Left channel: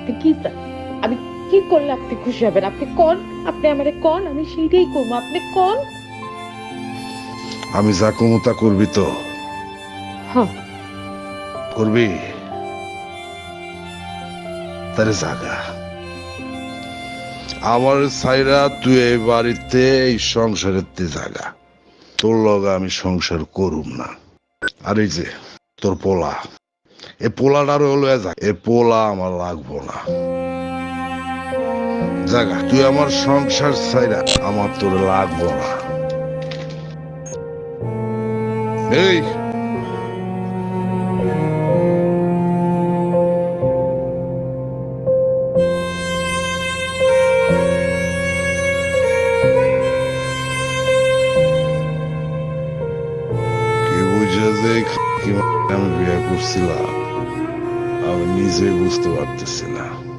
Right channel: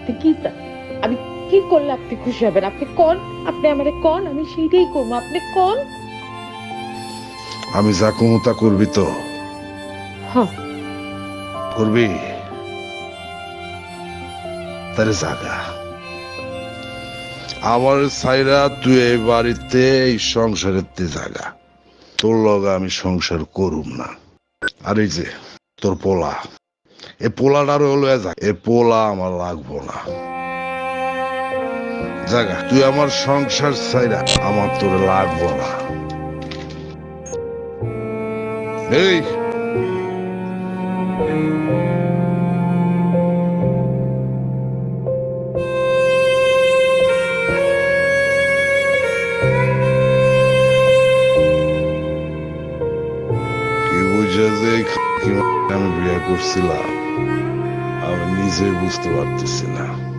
আপনি কি চান? আমি কি করলে আপনি খুশি হবেন? আপনি কোন? আপনি আমারে কোন? আমি সেইটাই করব। আপনি কোন? আমি যা কমু তা করবি তো। হ্যাঁ। করবি? তারে জাগা। আমার সাইরা তুই এই বাড়িতে এই সংসারের তে জাগা। তোর লগে আমি সংসার করুম না। আর এই যে তোর পোলা। এ পোলাটার হলো যা। এ পোলা আমার লাগবো না। জাগা, তুই আমার সংসার সাইরা আমার তোর লাগবো না। এই। কি বুঝে যে আমি বিয়ে করছিলাম? আমি নিজে বুঝতে পারতেছি না।